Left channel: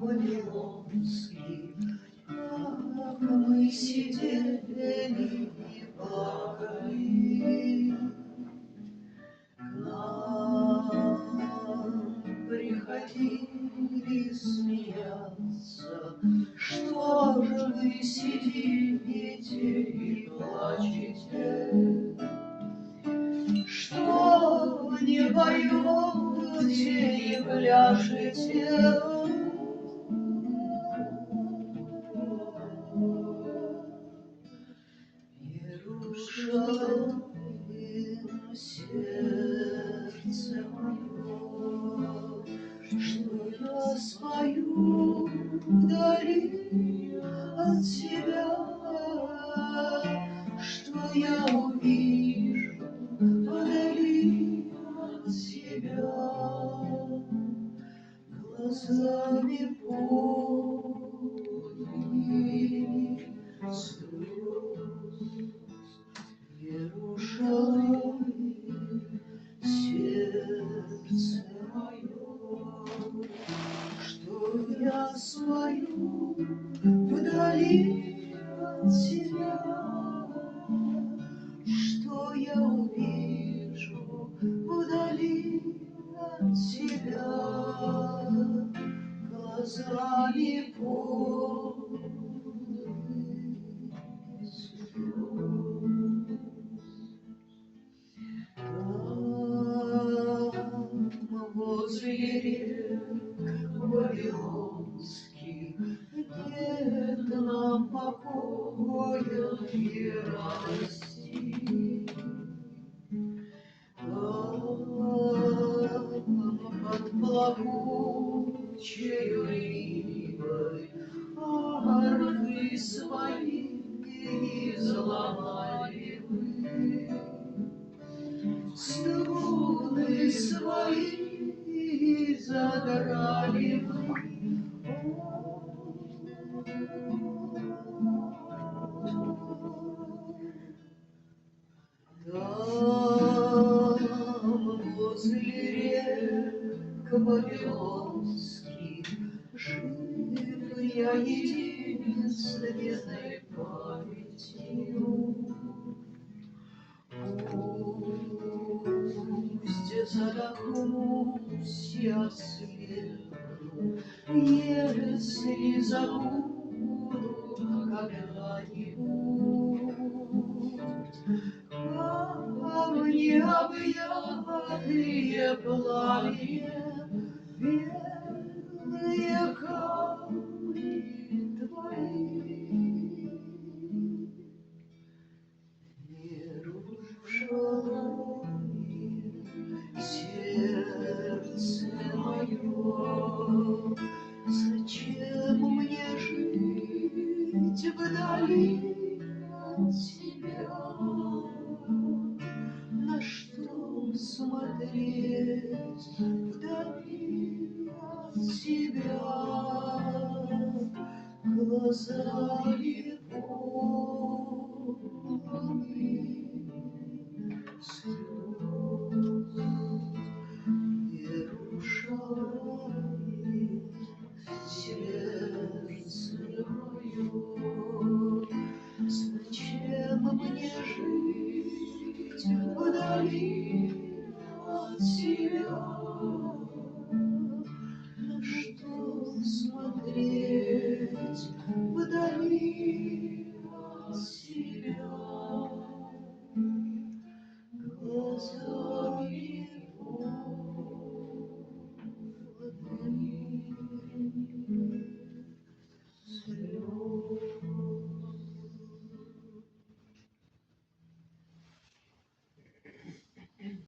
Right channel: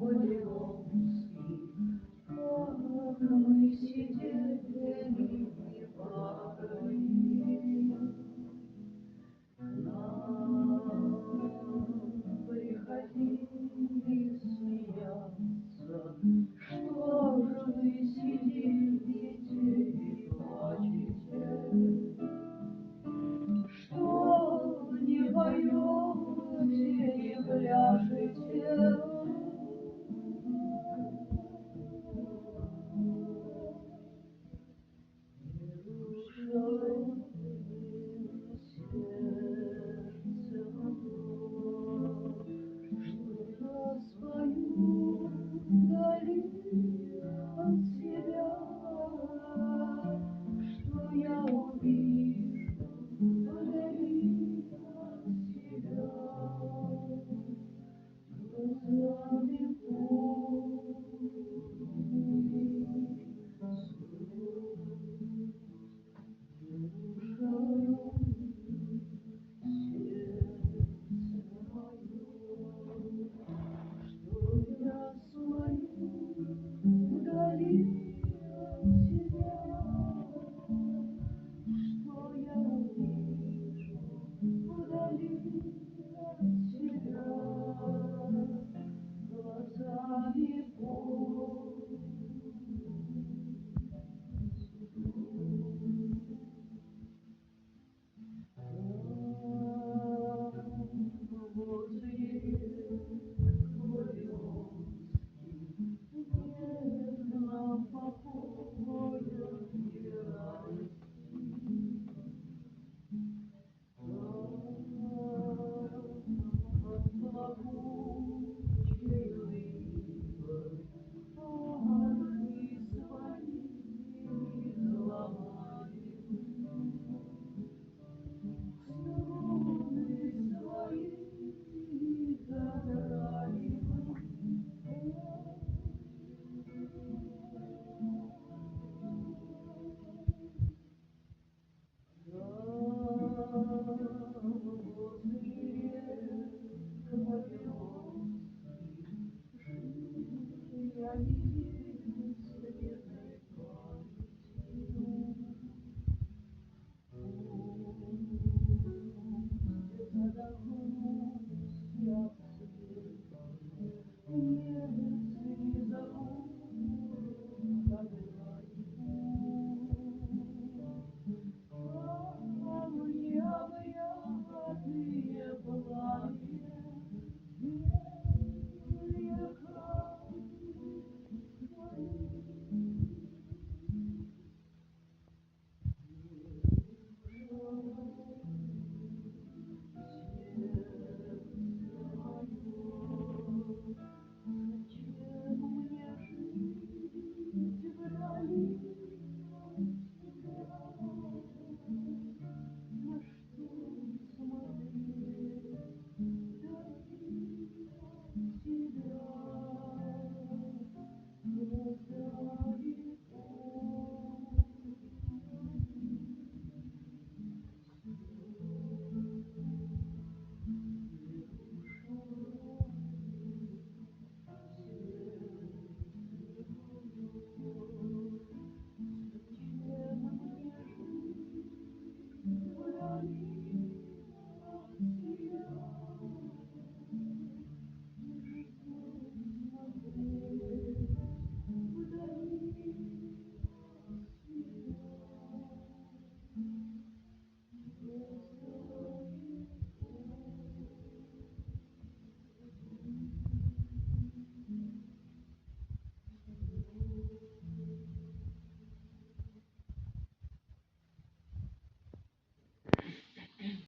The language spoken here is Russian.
Вавилонский, как мы сидели и плакали. К нам приходили смеяться, что же вы сидите и плачете, что не поете и пляшете. Иерушалаим, сердце мое, что я спою вдали от тебя, что я увижу вдали от тебя, глазами полными слез. Иерушалаим, сердце мое, что я свою вдали от тебя, что я увижу вдали от тебя, глазами полными слез. Там, возле рек вавилонских, нет нам покоя и радости. Там, под плакучею ивой, арфы свои изломали мы, струны свои задрали мы. Там, возле рек вавилонских, жив я единственной памятью. Пусть задохнусь я свету, если забуду когда-нибудь камни, объятые пламенем, бедные камни твои. Иерушалаим, сердце мое, зачем мне жить вдали от тебя? На что смотреть вдали от тебя, глазами